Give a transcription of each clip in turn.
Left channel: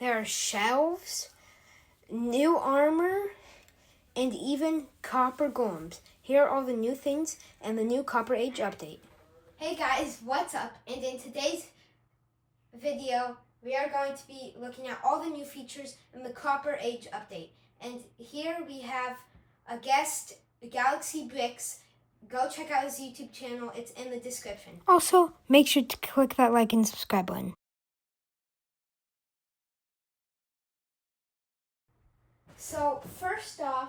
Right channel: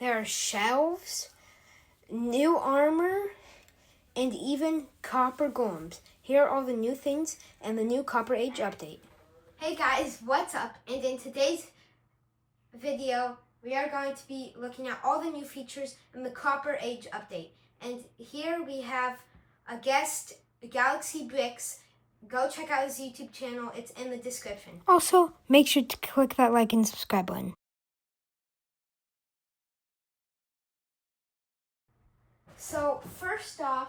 There are shelves, new armor, and even copper golems. Here are all the new things and the new Copper Age update. Hey guys, what's up? And in today's video, we are going to be looking at all the new features in the Copper Age update. And here we have a guest, Galaxy Bricks. Go check out his YouTube channel. It's in the description. Also, make sure to click that like and subscribe button. So first off,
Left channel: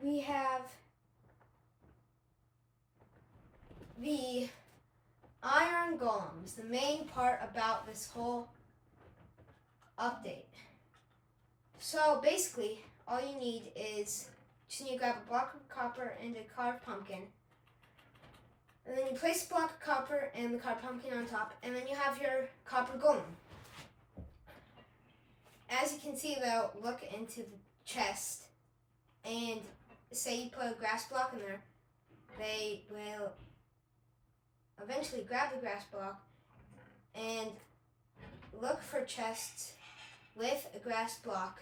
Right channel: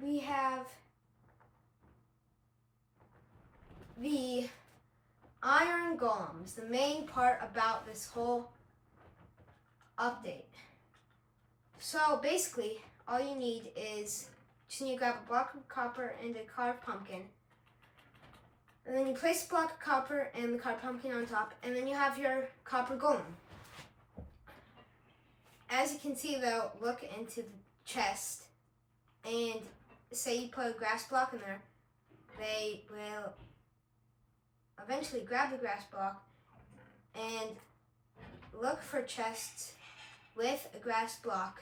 we have the iron golems, the main part about this whole update. So basically, all you need is just need to grab a block of copper and a carved pumpkin. And then you place a block of copper and the carved pumpkin on top, and then you have your copper golem. As you can see though, look into the chest, and say you put a grass block in there, they will eventually grab the grass block and look for chests with a grass block.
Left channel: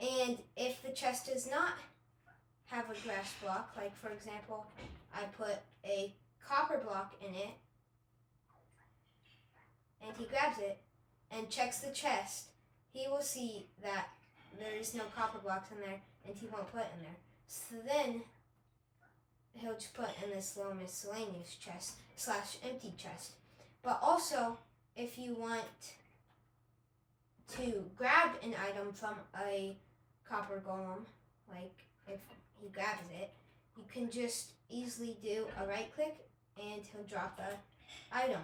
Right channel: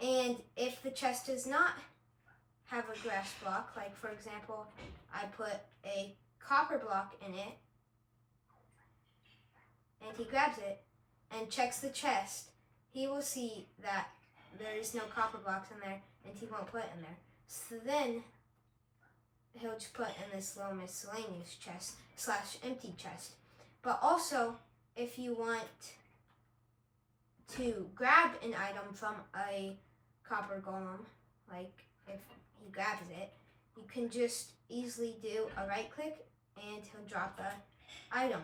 And if the chest does not have a grass block, like for example, I put a copper block in it, and he grabs it and checks the chest, he will see that there is no copper blocks in there, and he won't put it in there. So then he'll just put in this low miscellaneous chest / empty chest. But also, if you want to grab an item from a copper golem, like if he grabs it, you can just easily do a right click and he'll drop the item.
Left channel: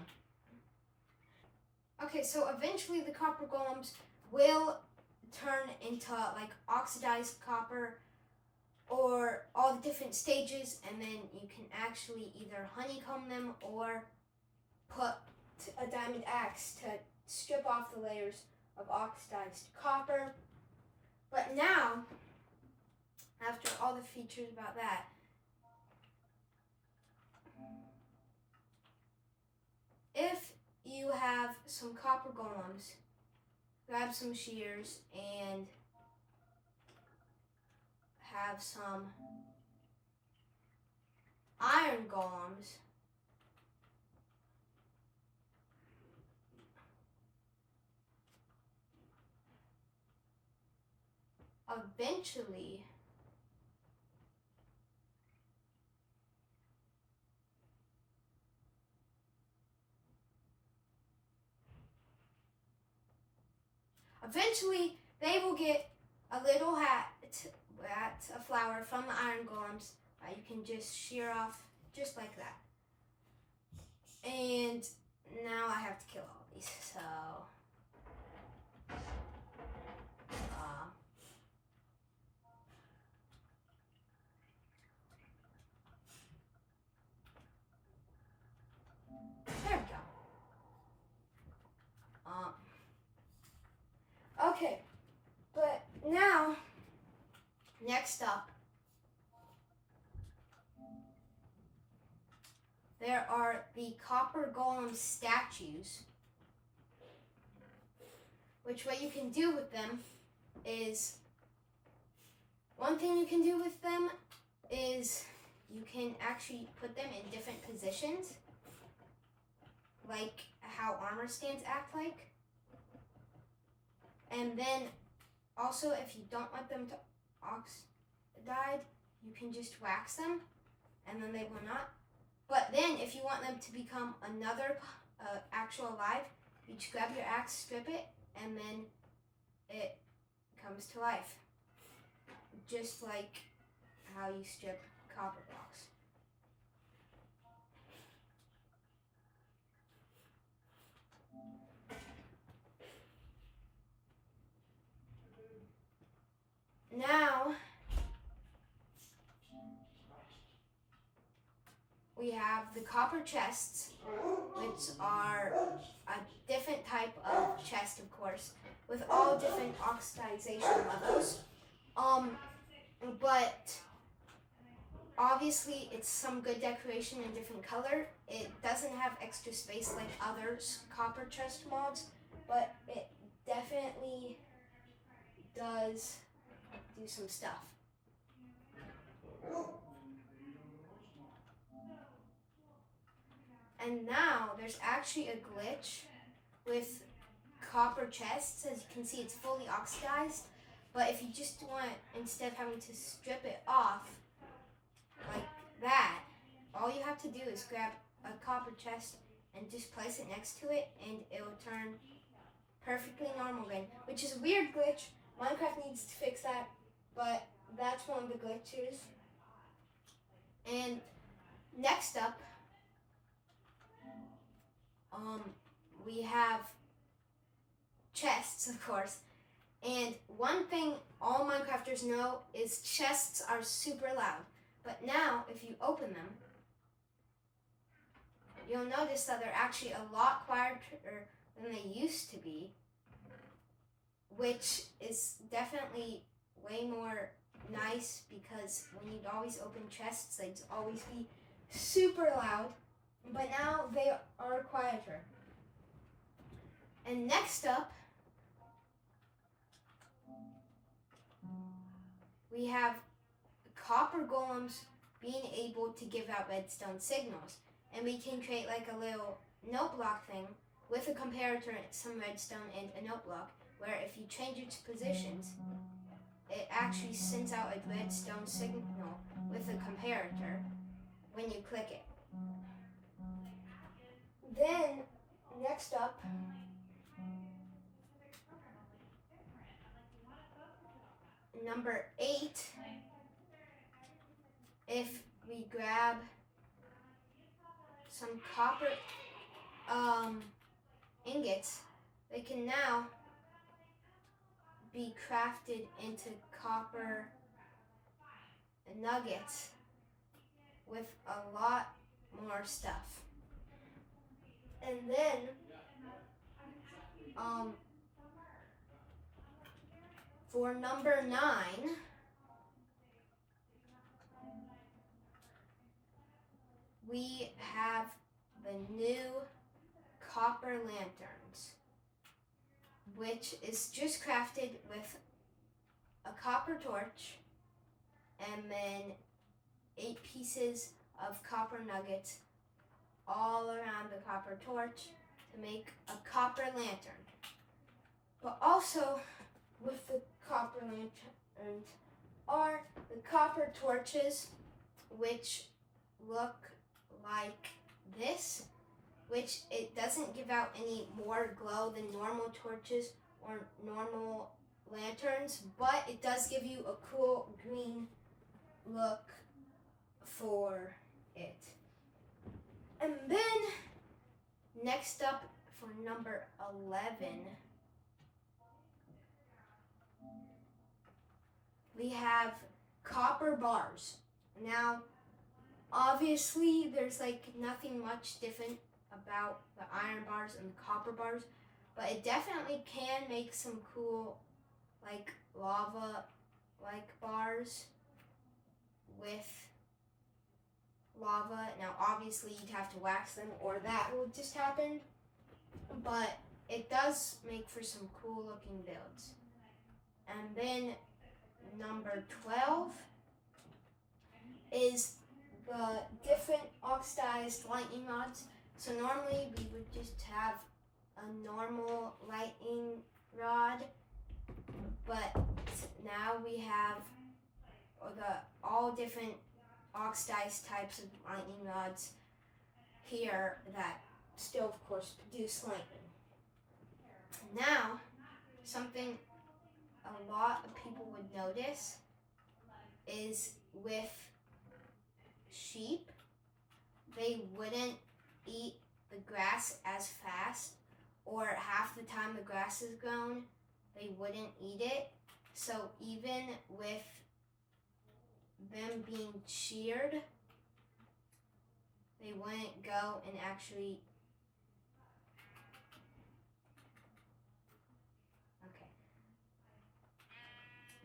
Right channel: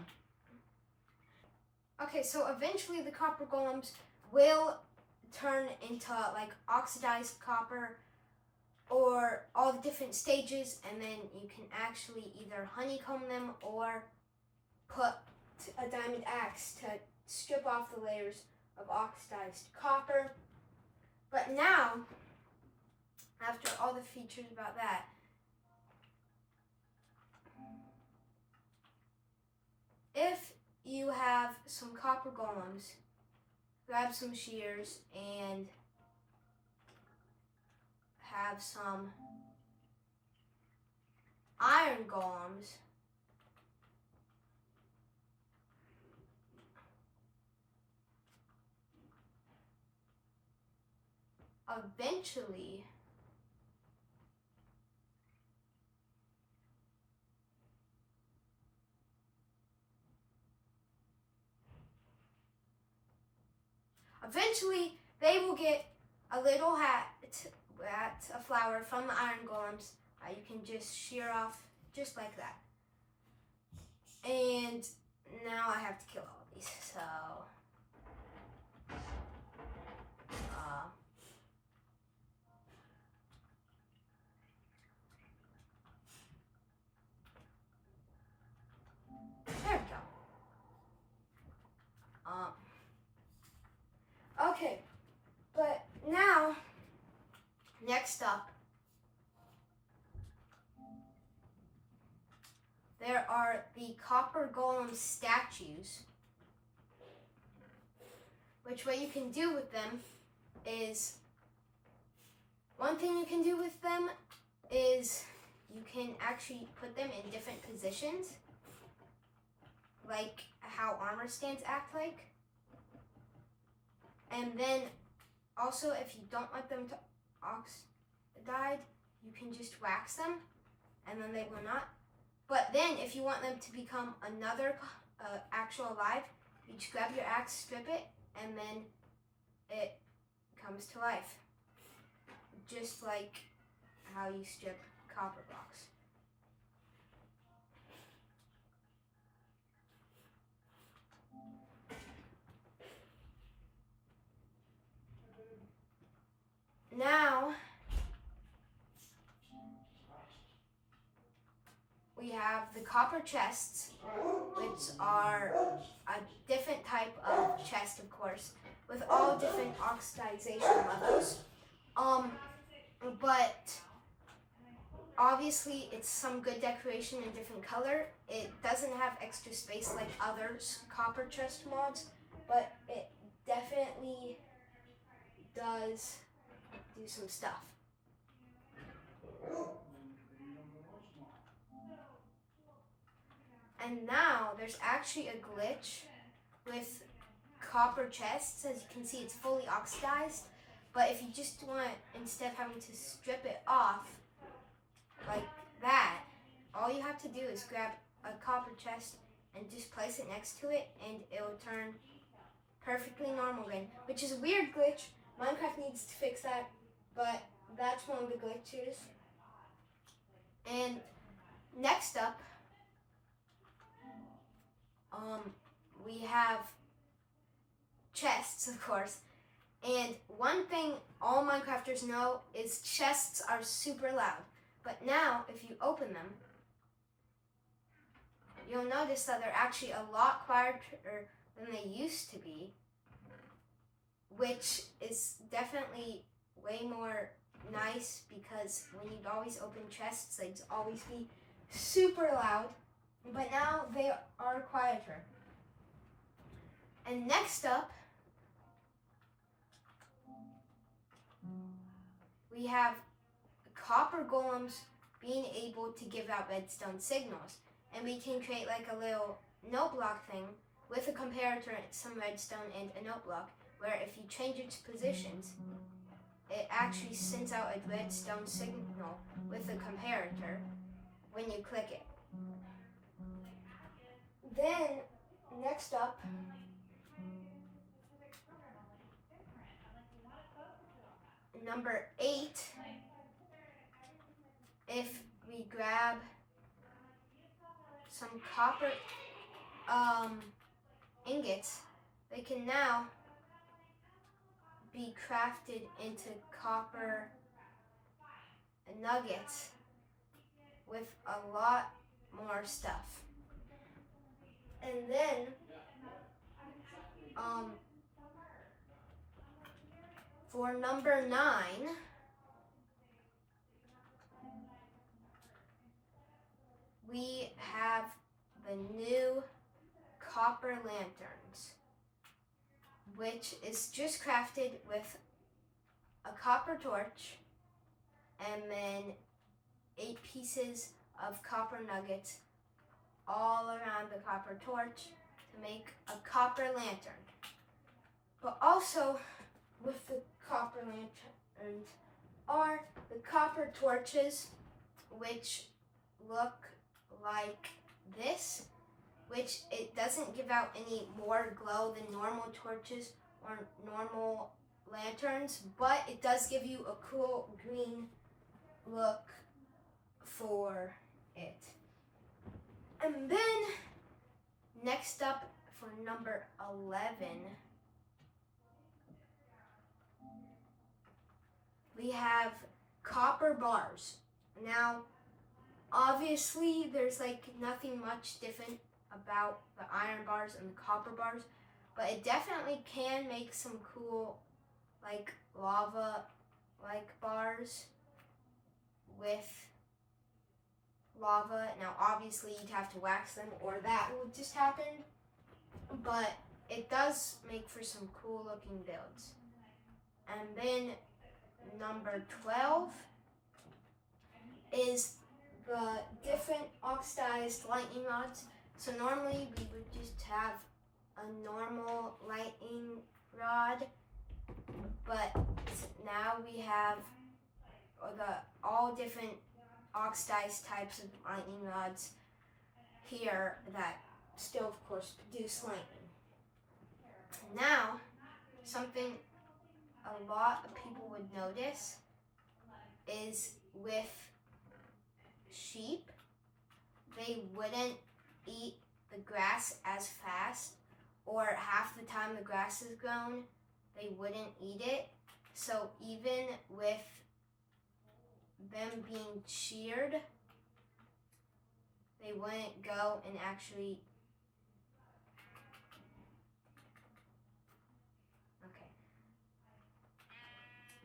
Okay, so eventually the copper golems will turn into like oxidized copper or all the different stages, and then you can actually either honeycomb them or put a diamond axe to strip off the layers of oxidized copper. But now, after all the features about that, if you have some copper golems, grab some shears and have some iron golems, eventually they will get a little hat, a flower from the iron golems. You can just shear off just like that. And now I have to kill all these, so there we go. Okay, but now, next up, there are the copper golem statues, which what you can do with them is, one thing you can do with them is you can actually put them in different positions, like how armor stands act like. And then also, if you don't want them to oxidize, you can just wax them and then they will not. But then if you want them to become another actual alive, you just grab your axe, strip it, and then it comes to life. Just like how you strip copper blocks. Now, we have the copper chests, which are a different type of chest, of course, with all different oxidization levels. But obviously it's some good decoration in different color. It doesn't have extra space like other copper chest mods, but it definitely does do some stuff. And now there's actually a glitch with copper chests. As you can see, it's fully oxidized. But if you just want, instead of having to strip it off like that, all you have to do is grab a copper chest and just place it next to it, and it'll turn perfectly normal again, which is a weird glitch. Minecraft needs to fix that, but that's one of the glitches. And next up, we have chests, of course. And one thing all Minecrafters know is chests are super loud. But now, if you open them, you'll notice that they're actually a lot quieter than they used to be, which is definitely way more nice, because when you'd always open chests, they'd always be super loud. But now they are quieter. And next up, we have copper golems being able to give out redstone signals. And we can create like a little note block thing with a comparator, some redstone, and a note block, where if you change its positions, it actually sends out a redstone signal with a comparator when you click it. Then, next up, number 8, if we grab some copper ingots, they can now be crafted into copper nuggets with a lot more stuff. And then for number 9, we have the new copper lanterns, which is just crafted with a copper torch and then 8 pieces of copper nuggets all around the copper torch to make a copper lantern. But also with the copper lanterns are the copper torches, which look like this, which it doesn't give out any more glow than normal torches or normal lanterns, but it does give you a cool green look for it. And then next up for number 11, we have copper bars. Now, obviously, there's like nothing much different about the iron bars and the copper bars, but it definitely can make some cool like lava like bars with lava. Now, obviously, you'd have to wax them or that would just happen, but it does make for some cool looking builds. And then number 12 is the different oxidized lightning rods. So normally we would just have a normal lightning rod, but now we have all different oxidized types of lightning rods here that still, of course, produce lightning. Now, something a lot of people would notice is with sheep, they wouldn't eat the grass as fast, or half the time the grass is grown, they wouldn't eat it. So even with them being sheared, they wouldn't go and actually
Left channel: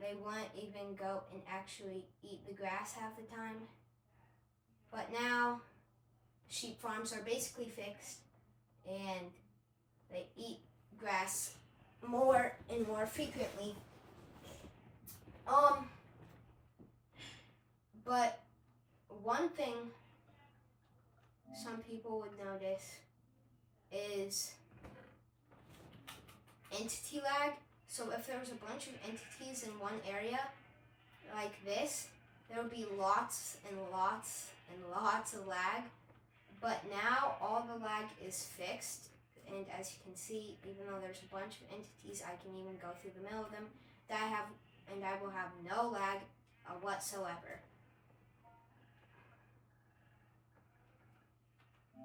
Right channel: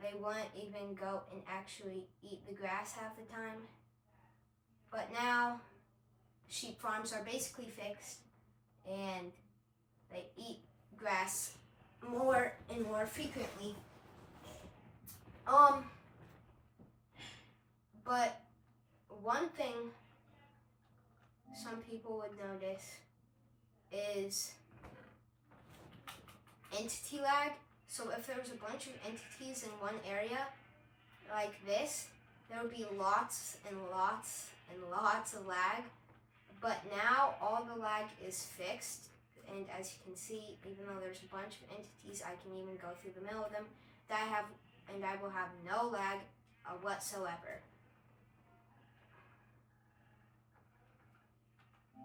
they wouldn't even go and actually eat the grass half the time. But now sheep farms are basically fixed and they eat grass more and more frequently. But one thing some people would notice is entity lag. So if there was a bunch of entities in one area like this, there would be lots and lots and lots of lag. But now all the lag is fixed, and as you can see, even though there's a bunch of entities, I can even go through the middle of them. I will have no lag whatsoever. Oh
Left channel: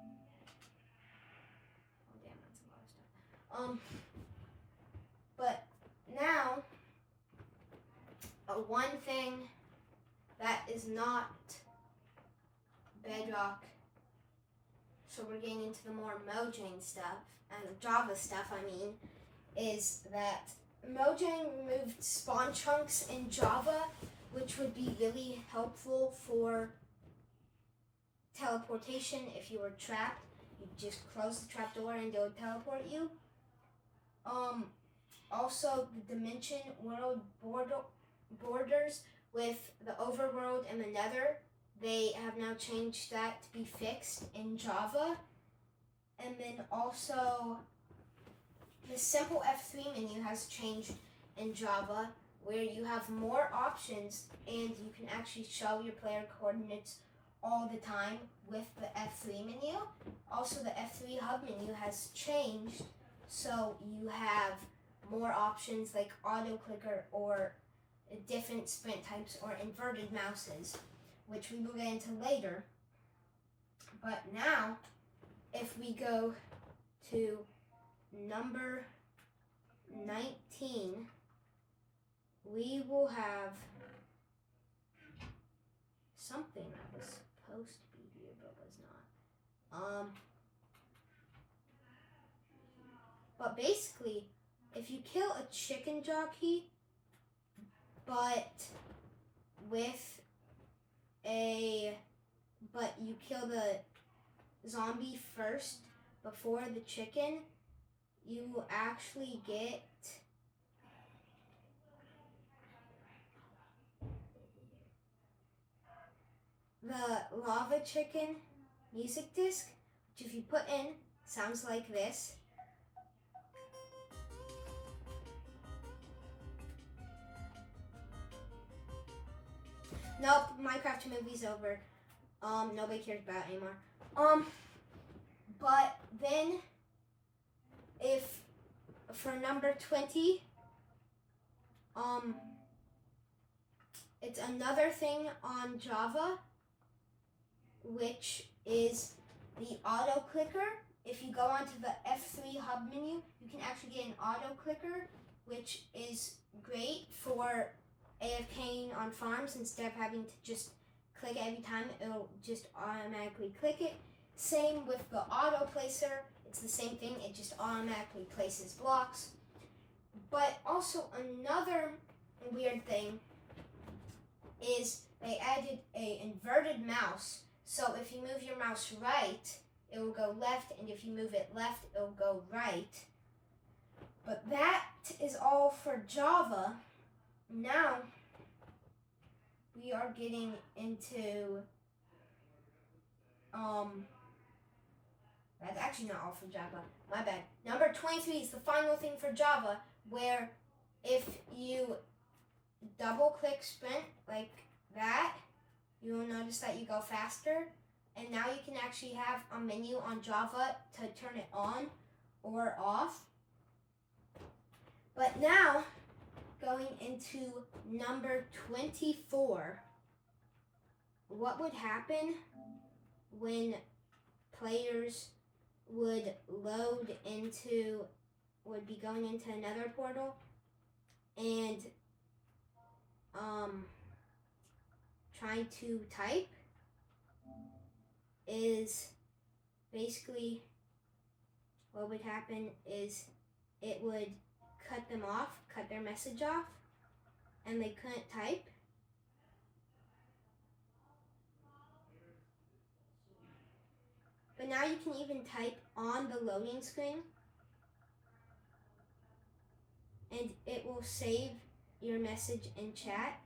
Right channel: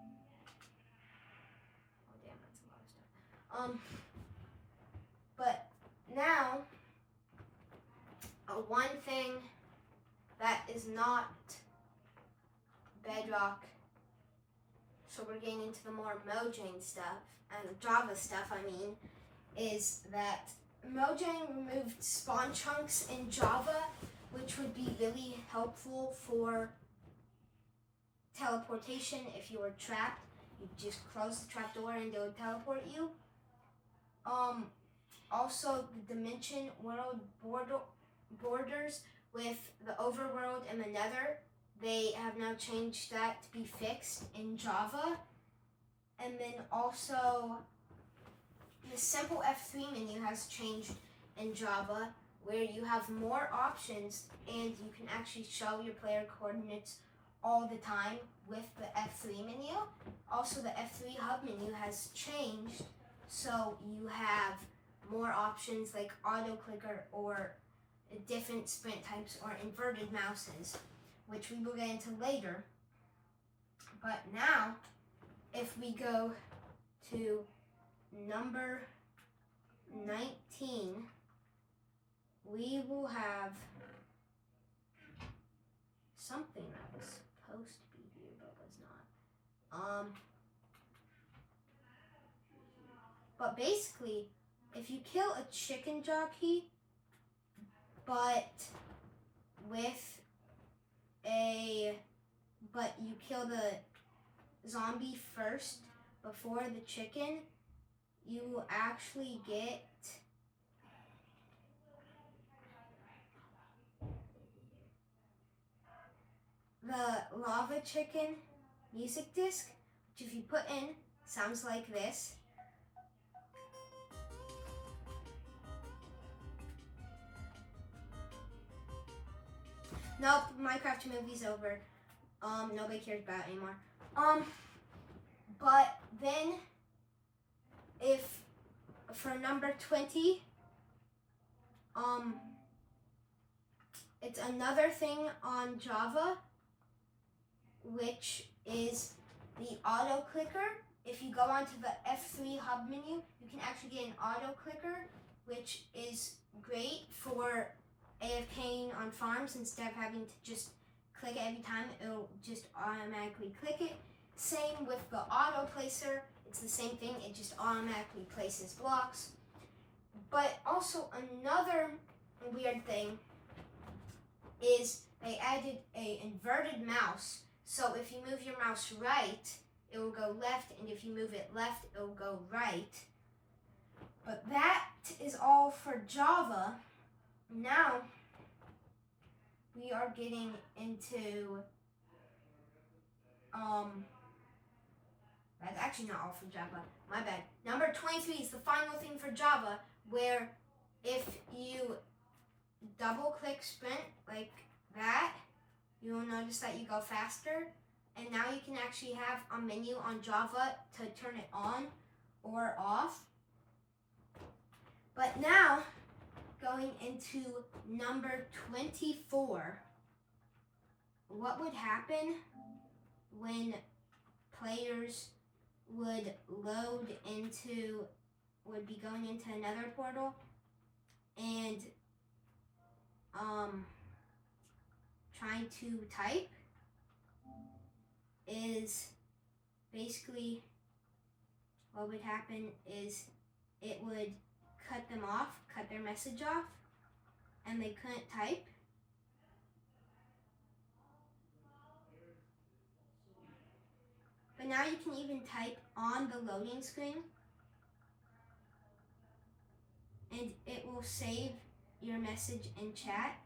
damn, that's a lot of stuff. But now, one thing that is not Bedrock, so we're getting into the more Mojang stuff, and Java stuff, is that Mojang removed spawn chunks in Java, which would be really helpful for teleportation if you were trapped. You just close the trap door and they'll teleport you. Also, the Dimension World borders with the Overworld and the Nether, they have now changed that to be fixed in Java. And then also, the simple F3 menu has changed in Java, where you have more options and you can actually show your player coordinates all the time with the F3 menu. Also, the F3 hub menu has changed, so you have more options like auto clicker or different sprint types or inverted mouses, which we will get into later. But now, if we go to number 19, we will have something that was supposed to be here but was not. But basically, if you kill a chicken jockey, but you kill the zombie first before the chicken, you will actually get the lava chicken music disc, which if you put in, sounds like this. Nope, Minecraft movie's over. Nobody cares about it anymore. But then, if for number 20, it's another thing on Java, which is the auto clicker. If you go onto the F3 hub menu, you can actually get an auto clicker, which is great for AFKing on farms instead of having to just click every time. It'll just automatically click it. Same with the auto placer. It's the same thing. It just automatically places blocks. But also another weird thing is they added an inverted mouse. So if you move your mouse right, it will go left, and if you move it left, it will go right. But that is all for Java. Now, we are getting into, that's actually not all for Java, my bad. Number 23 is the final thing for Java, where if you double click sprint like that, you will notice that you go faster. And now you can actually have a menu on Java to turn it on or off. But now, going into number 24, what would happen when players would be going into another portal and trying to type is basically what would happen is it would cut them off, cut their message off, and they couldn't type. But now you can even type on the loading screen, and it will save your message in chat,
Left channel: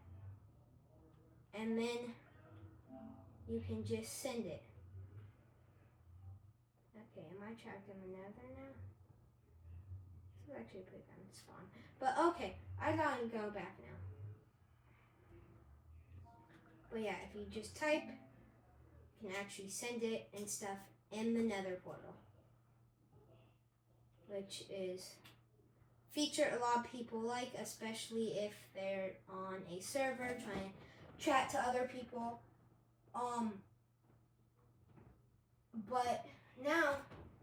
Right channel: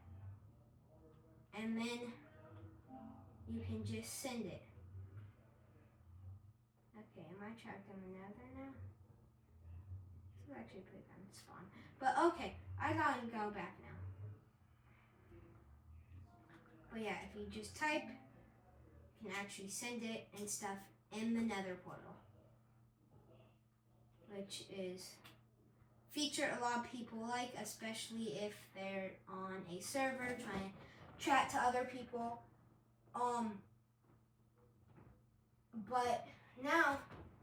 and then you can just send it. Okay, am I trapped in the nether now? This is actually pretty fun spawn. But okay, I gotta go back now. But yeah, if you just type, you can actually send it and stuff in the nether portal, which is feature a lot of people like, especially if they're on a server trying to chat to other people. But now,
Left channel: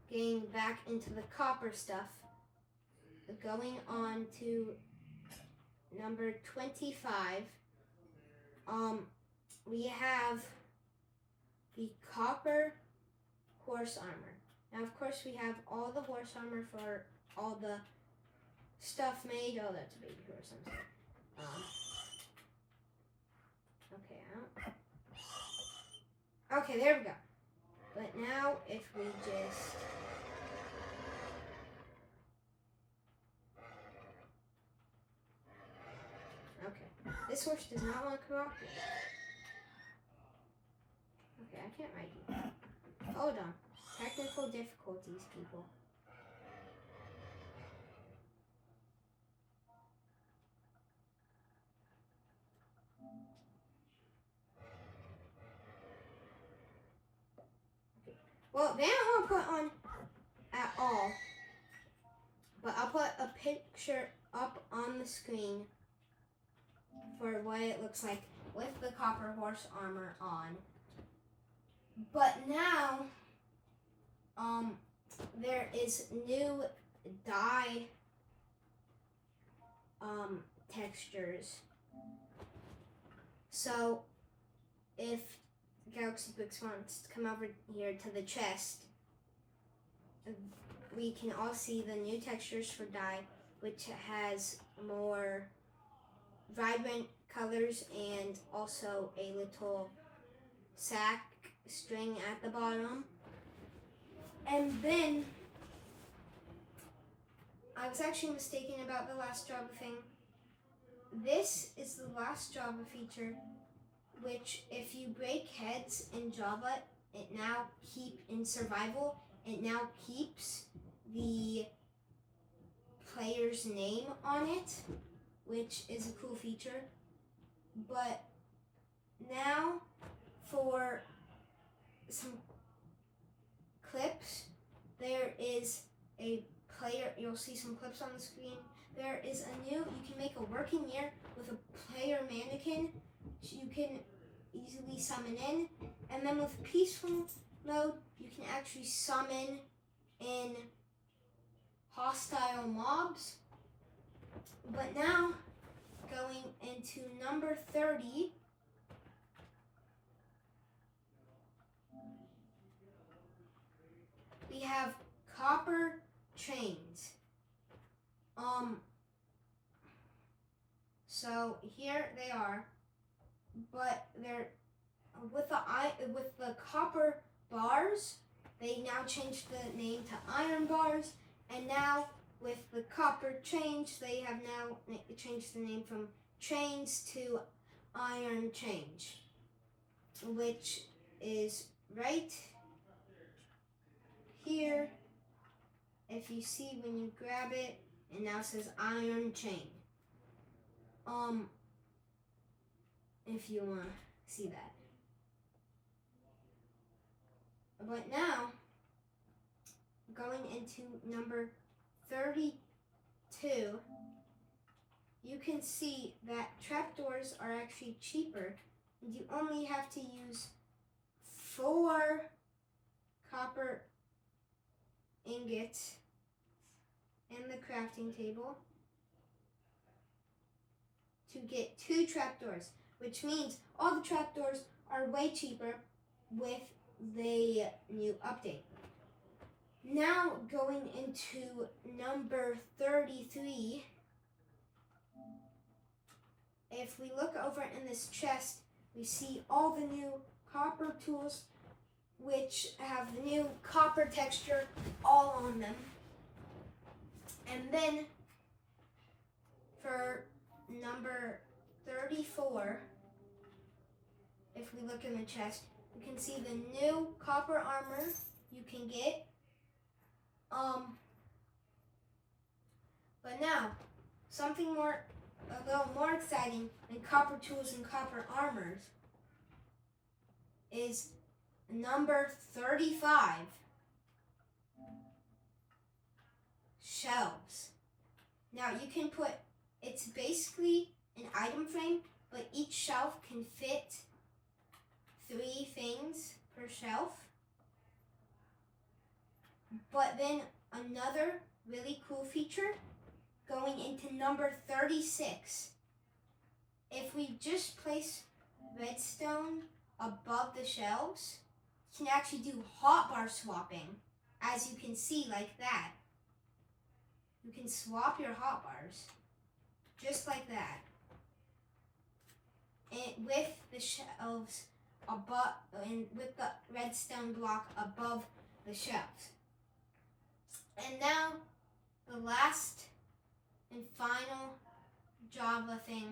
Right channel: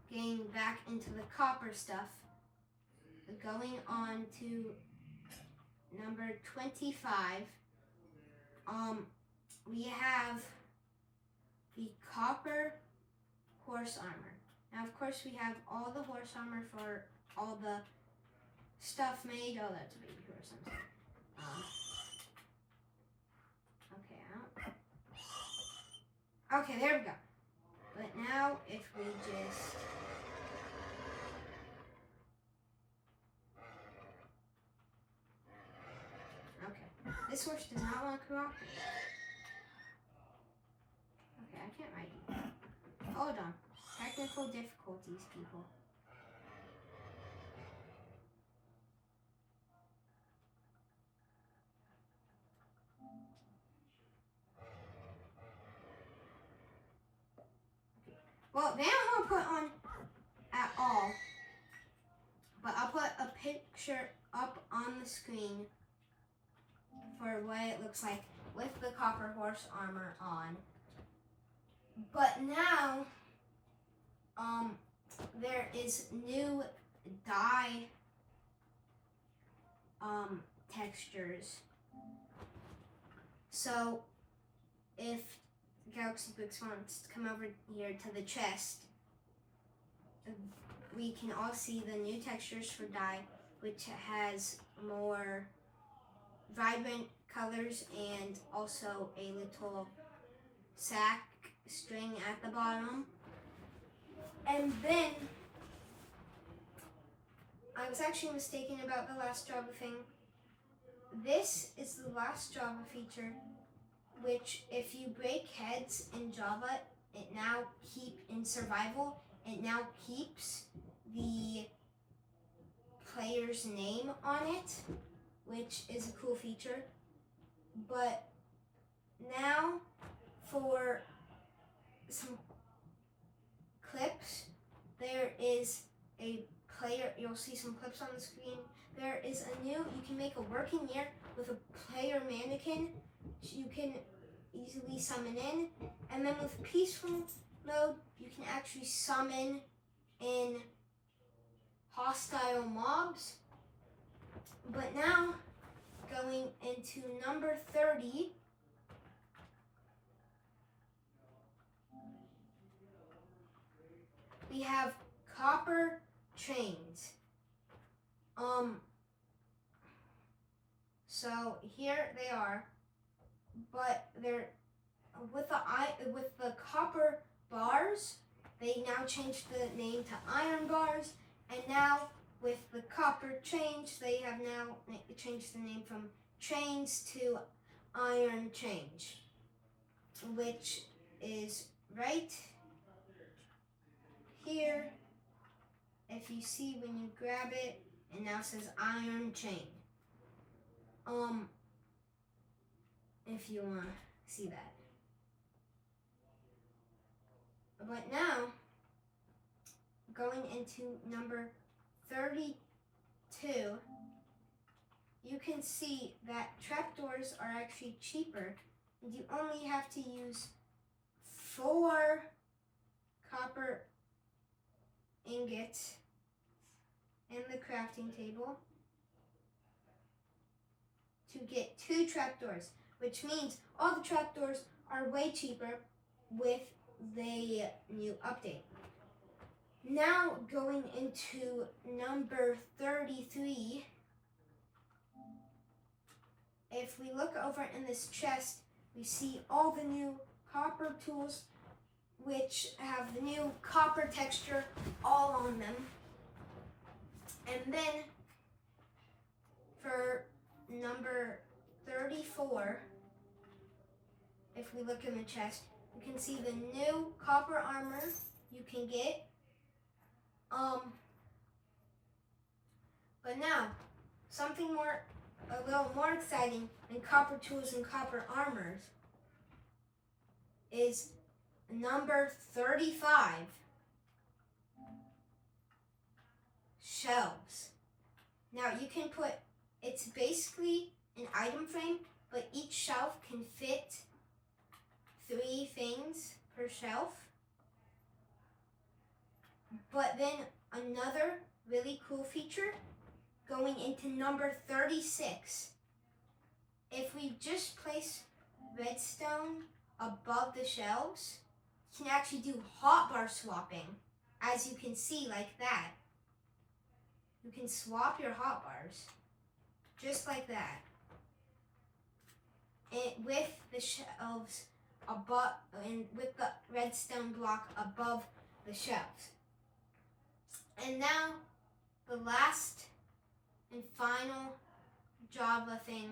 getting back into the copper stuff, going on to number 25, we have the copper horse armor. Now, of course, we have all the horse armor for all the stuff made. Oh, that's a baby horse. I'm sorry. Okay, there we go. But now, if we just... Okay, this horse does not want to cooperate. Okay, I can't write you. Hold on. Technical difficulties, people. Well, they don't want to put on at all, but I'll put a picture up on the screen for what it looks like with the copper horse armor on. But now, there is new dye textures. So if Galaxy Books wants to come over here to the chest, we can all see the new textures for dye, which has more vibrant colors and also a little sack string at the bottom. And then I was actually mistaken about the last Java thing. This is the last Java feature, which if you break heads in Java, it now in survival, it now keeps the player's name on it, which is a cool feature. But now for some clips, there is a player, you'll see some clips on the screen. There is you can make a working year with a player mannequin. You can easily summon in, and then with peaceful mode, you can actually summon in hostile mobs. But now, going into number 30, we have copper chains. So here they are, but they're with the copper bars. They now changed the name to iron bars, and now with the copper chains, they have now changed the name from chains to iron chains, which is right here. If you see when you grab it, it now says iron chain. If you want to see that. But now, going into number 32, you can see that trapdoors are actually cheaper. You only have to use 4 copper ingots in the crafting table to get 2 trapdoors, which means all the trapdoors are way cheaper with the new update. Now going into number 33, if we look over in this chest, we see all the new copper tools which have the new copper texture all on them. And then for number 34, if we look in the chest, you can see the new copper armor you can get. But now, something a little more exciting than copper tools and copper armors is number 35, shelves. Now you can it's basically an item frame, but each shelf can fit 3 things per shelf. But then another really cool feature going into number 36. If we just place redstone above the shelves, you can actually do hotbar swapping, as you can see like that. You can swap your hotbars just like that. And with the shelves above, and with the redstone block above the shelves. And now the last and final Java thing,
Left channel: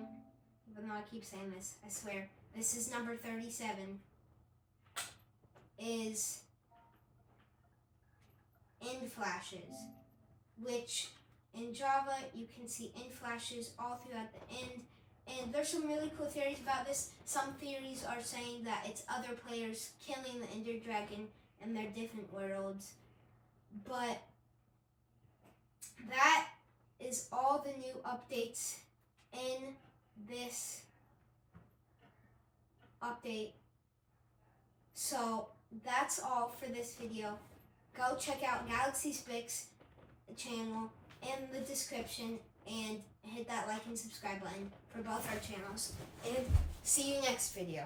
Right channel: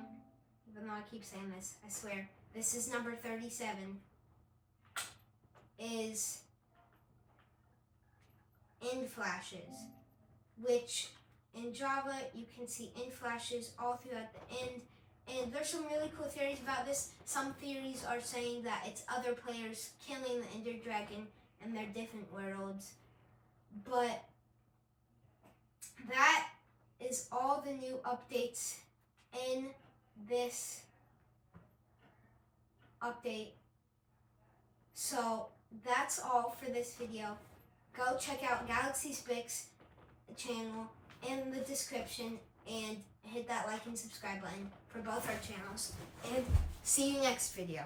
even though I keep saying this, I swear, this is number 37, is end flashes, which in Java you can see end flashes all throughout the end. And there's some really cool theories about this. Some theories are saying that it's other players killing the Ender Dragon in their different worlds. But that is all the new updates in this update. So that's all for this video. Go check out Galaxy Spix channel in the description and hit that like and subscribe button for both our channels. And see you next video.